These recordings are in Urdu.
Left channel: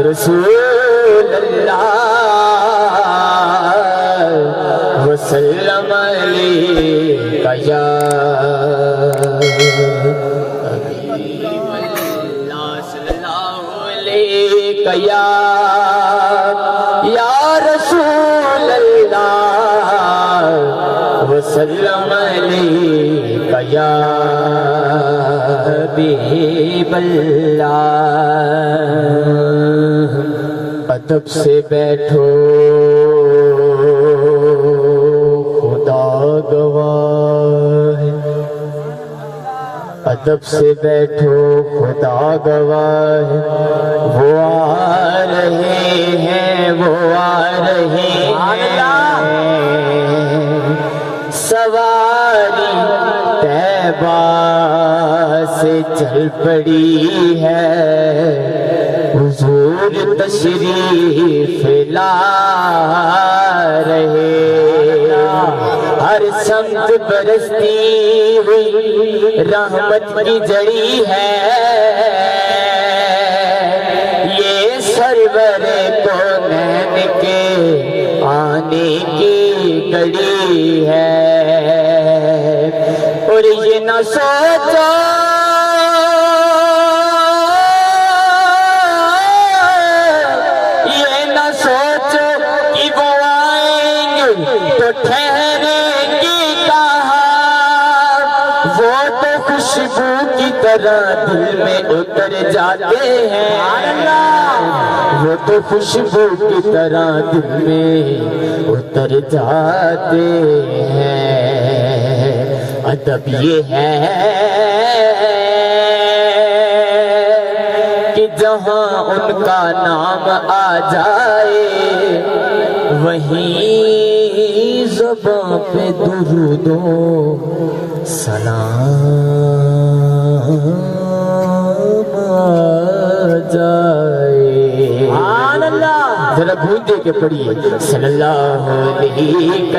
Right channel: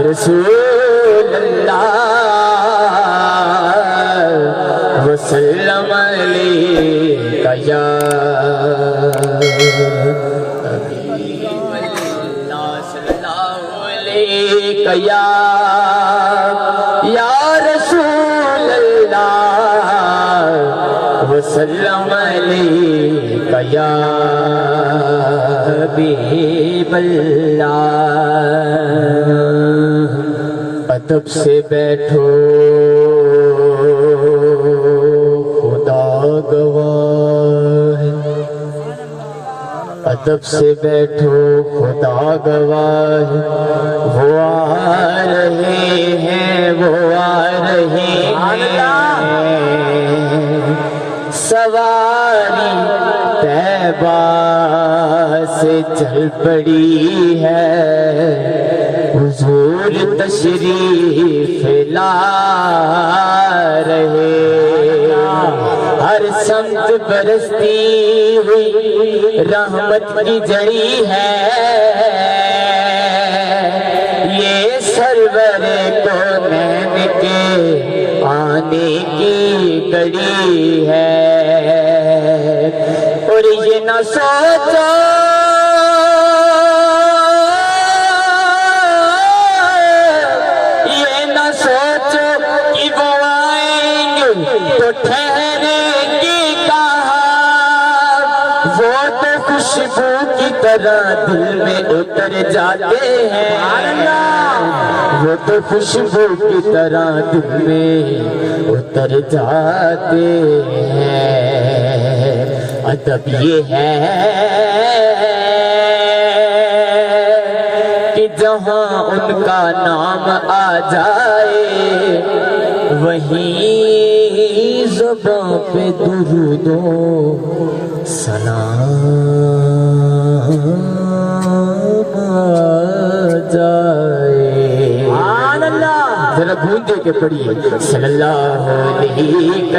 رسول اللہ وسلم علیک یا حبیب اللہ صلی اللہ علیک یا رسول اللہ وسلم علیک یا حبیب اللہ ادب سے بیٹھو خدا گواہ ہے ادب سے بیٹھو خدا گواہ ہے وہ آ رہے ہیں وہ آ رہے ہیں سواری طیبہ سے چل پڑی ہے حضور تشریف لا رہے ہر سمت برستی ہوئی رحمت کی جڑی ہے یہ سرور کونین کے آنے کی گڑی ہے اور یہ نہ سوچو وہ تو خوشبو کی طرح دل میں اتر جاتے ہیں وہ تو خوشبو کی طرح دل میں اتر جاتے ہیں ادب یہ ہے کہ جہاں ان کا نام آ جائے وہیں زباں پہ درود و سلام آ جائے ذرا گونج دے کے پڑھیے صلی اللہ علیہ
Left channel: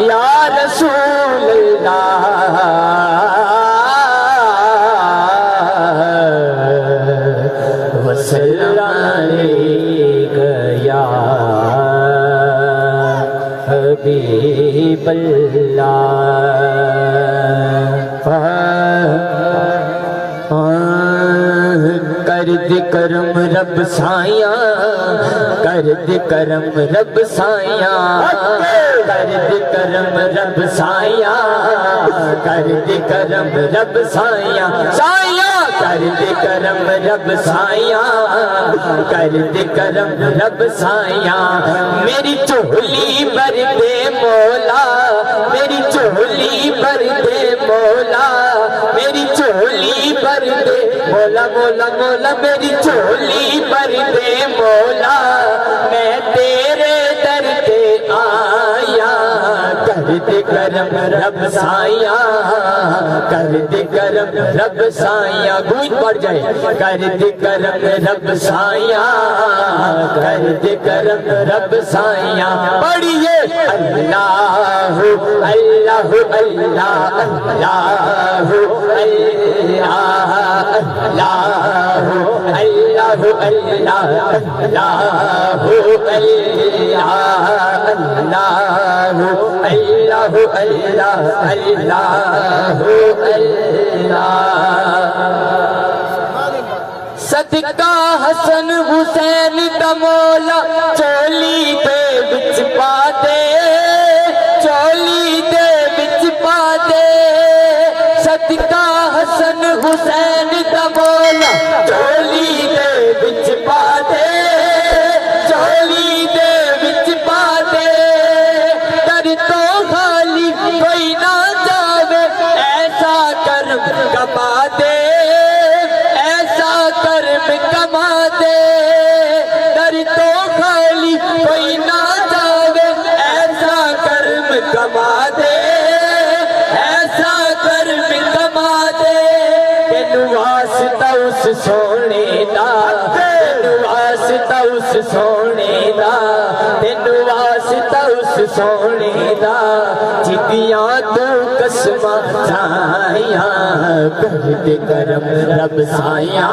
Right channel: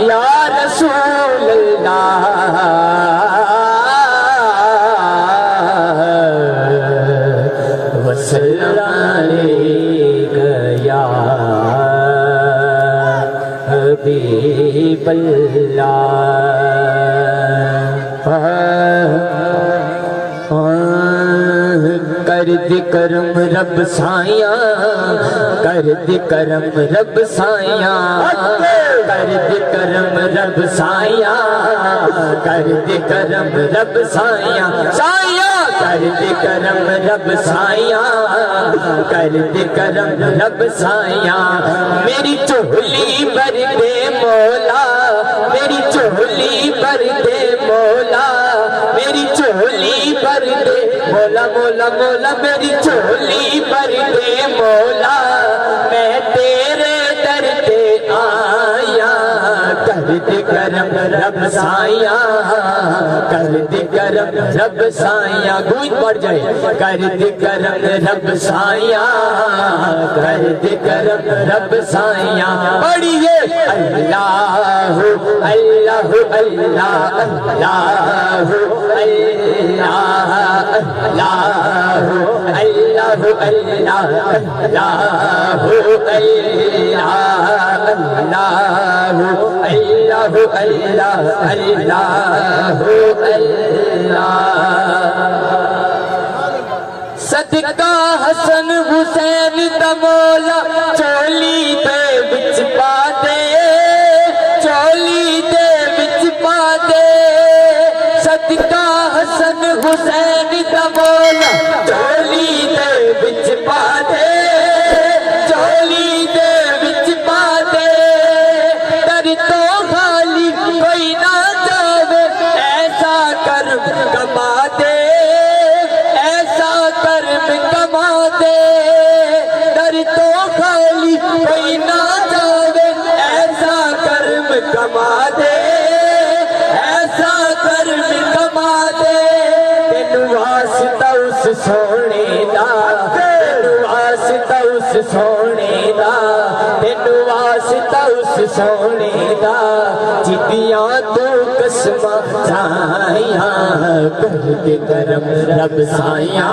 یا رسول اللہ وسلم علیک یا حبیب اللہ کر دے کرم رب سائیاں کر دے کرم رب سائیاں کر دے کرم رب سائیاں کر دے کرم رب سائیاں سائیاں کر دے کرم رب سائیاں کر دے کرم رب سائیاں میری چولی بھر دے مولا میری چولی بھر دے مولا میری چولی بھر دے مولا مولا مولا میری چولی بھر دے مولا میں تیرے در پہ آیا کر دے کرم رب سائیاں کر دے کرم رب سائیاں گونج پڑ جائے کر دے کرم رب سائیاں کر دے کرم رب سائیاں پڑھیے اللہ اللہ اللہ اللہ اللہ اللہ اللہ صدقہ حسن حسین دا مولا چولی دے وچ پا دے چولی دے وچ پا دے صدقہ حسن حسین دا مولا چولی دے وچ پا دے چولی دے وچ پا دے در تو خالی کوئی نہ جاوے ایسا کرم کما دے ایسا کرم کما دے در تو خالی کوئی نہ جاوے ایسا کرم کما دے ایسا کرم کما دے تینو واسطہ اس سونے دا تینو واسطہ اس سونے دا تینو واسطہ اس سونے دا جدیاں تو قسماں چاہیاں کر دے کرم رب سایاں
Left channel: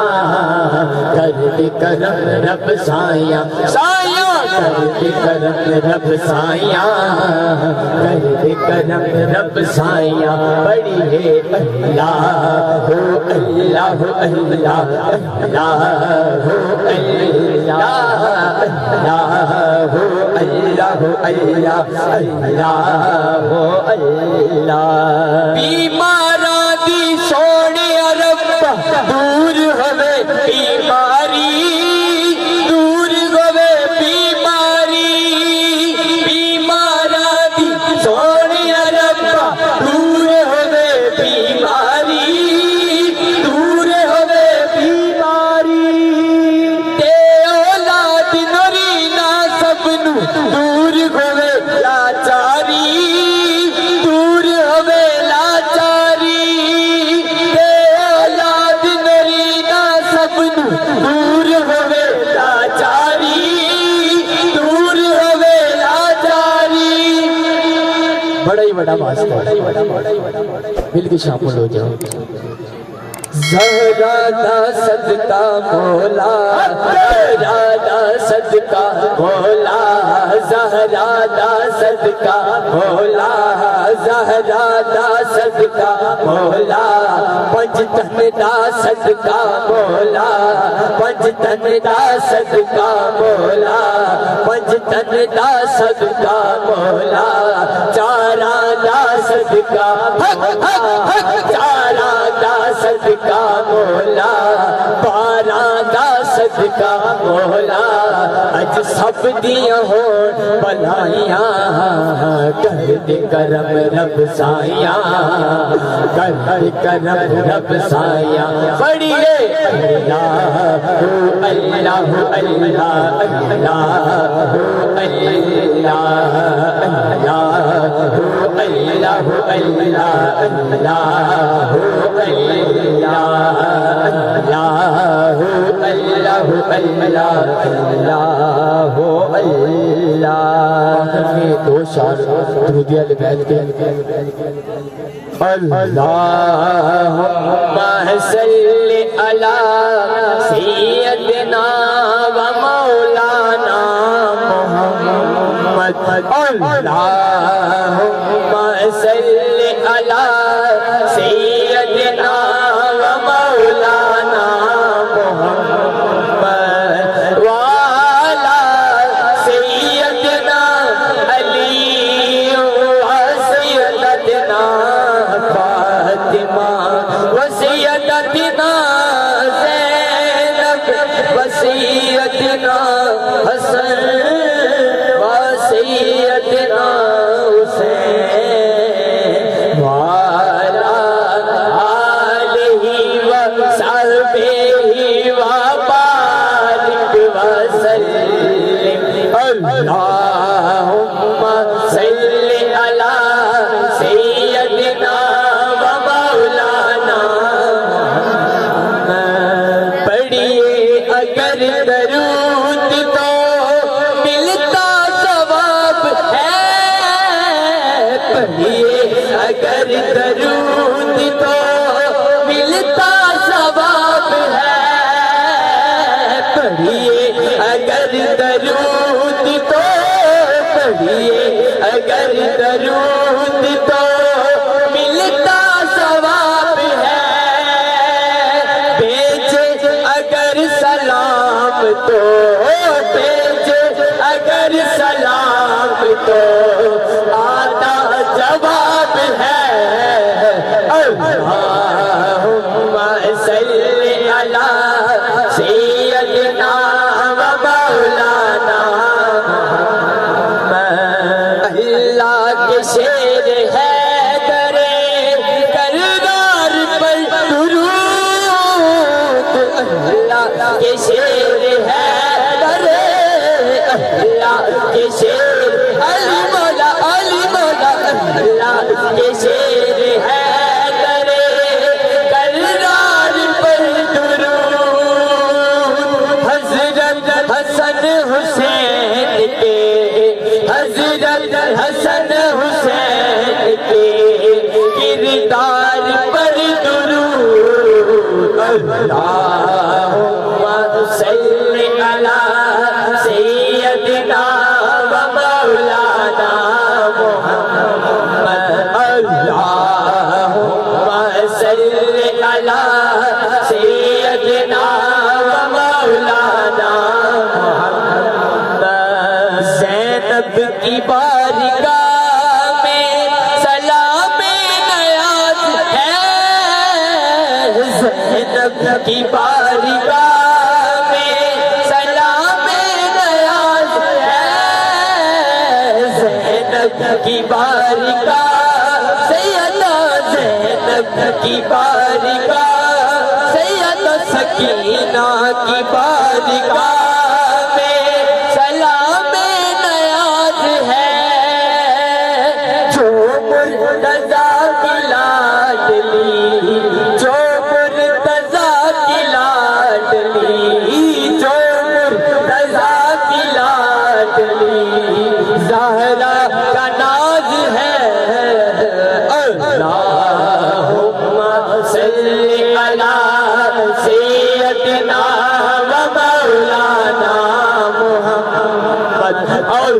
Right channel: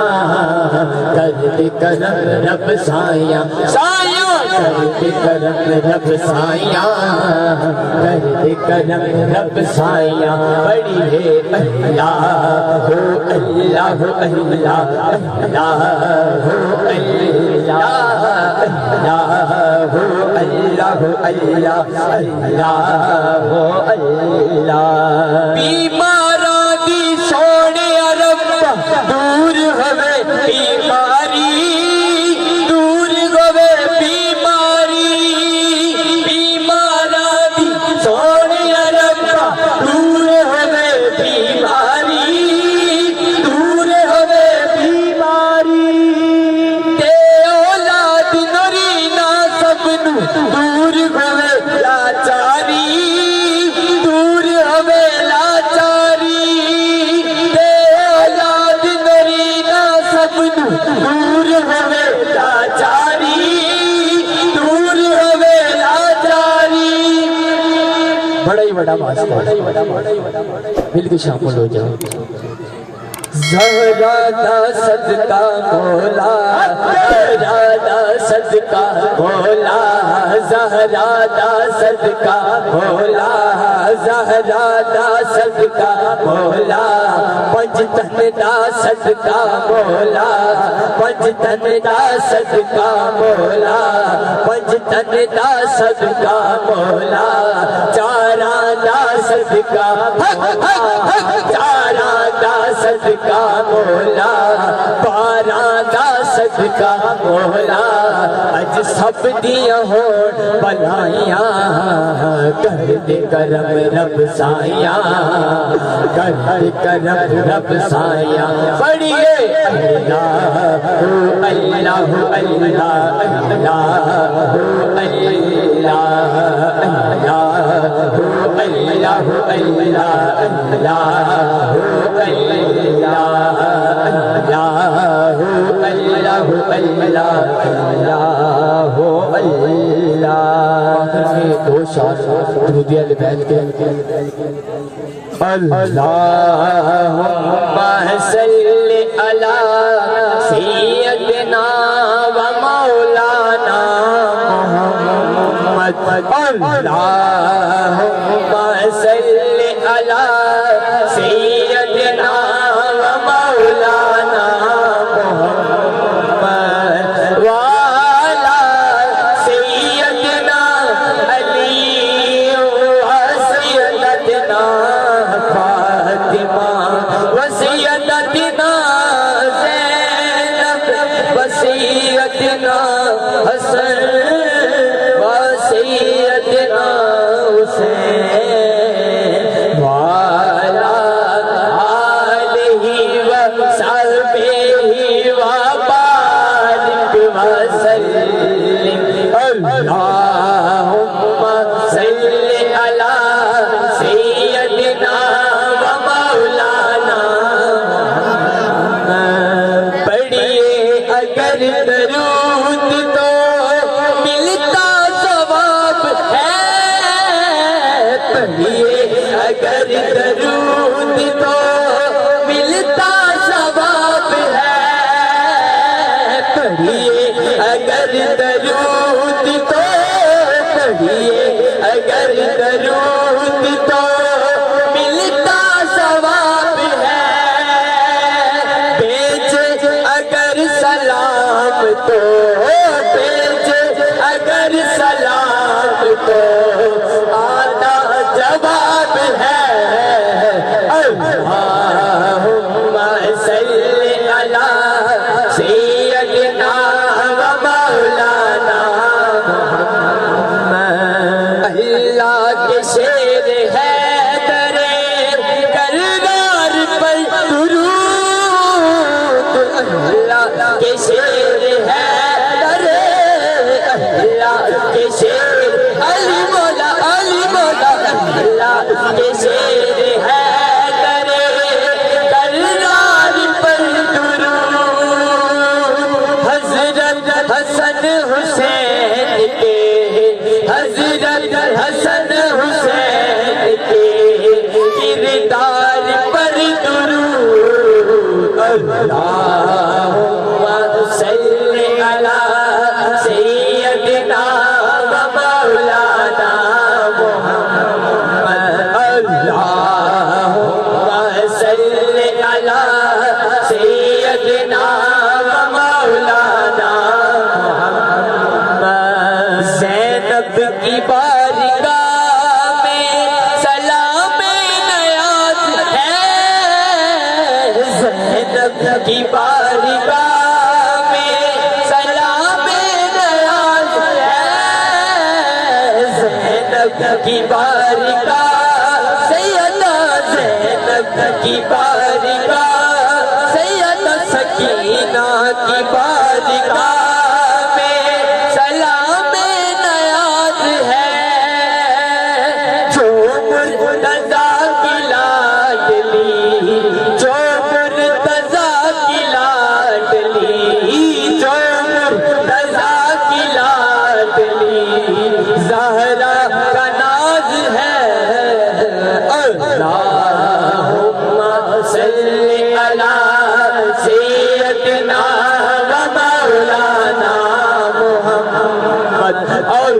کر دے کرم رب سایاں سایاں کر دے کرم رب سایاں کر دے کرم رب سایاں پڑھیے اللہ ہو اللہ ہو اللہ اللہ ہو اللہ اللہ ہو اللہ ہو اللہ اللہ ہو اللہ بیماراں دی سونے رب دور ہوے بیماری دور ہوے بیماری بیماراں دی سونے رب دور ہوے بیماری دور ہوے بیماری تے اولاد نری نہ سب نو دور ہوے لاچاری دور ہوے لاچاری تے اولاد نری نہ سب نو دور ہوے لاچاری دور ہوے لاچاری بڑا ہی بڑا واسطہ مل کے شامل ہو جاؤ زہرا دا صدقہ مولا زہرا دا صدقہ مولا زہرا دا صدقہ مولا زہرا دا صدقہ مولا پنج تن دا صدقہ مولا پنج تن دا صدقہ مولا پنج تن دا صدقہ مولا چاراں دا صدقہ چاراں دا صدقہ مولا باراں دا صدقہ مولا اج سب دیاں ہون بلائیاں کر دے کرم رب سایاں کر دے کرم رب سایاں پڑھیے اللہ ہو اللہ ہو اللہ اللہ ہو اللہ اللہ ہو اللہ ہو اللہ اللہ ہو اللہ اللہ ہو اللہ ہو اللہ اللہ ہو اللہ دو شعر درود علی بیت کے اللہم صلی علی سیدنا و مولانا محمد اللہم صلی علی سیدنا و مولانا محمد وعلی سیدنا علی و سیدتنا فاطمہ و سیدتنا زینب و سیدنا حسن و سیدنا حسین وعلی آلہ و صحبہ و بارک وسلم اللہم صلی علی سیدنا و مولانا پڑھیے اگر درود تو ملتا ثواب ہے پڑھیے اگر درود تو ملتا ثواب ہے پڑھیے اگر درود تو پڑھیے اگر درود تو ملتا ثواب ہے بھیج اگر سلام تو بھیج اگر سلام تو آتا جواب ہے اللہم صلی علی سیدنا و مولانا محمد اللہ کے شیر ہے درے کردار پر درود اللہ کے شیر ہے درے اللہ کے شیر علی مولا اللہ کے شیر ہے درے کردار پر درود حضرت حسن حسین کے حضرت کی بارگاہ میں سلام نیاز ہے، زینب کی بارگاہ سیدہ زینب کی بارگاہ سیدہ سکینہ کی بارگاہ میں سلام نیاز ہے، جو مرتضیٰ کی لاڈلی جو مرتضیٰ کی لاڈلی جو مرتضیٰ کی لاڈلی زہرا کا ناز ہے، اللہم صلی علی سیدنا و مولانا محمد اور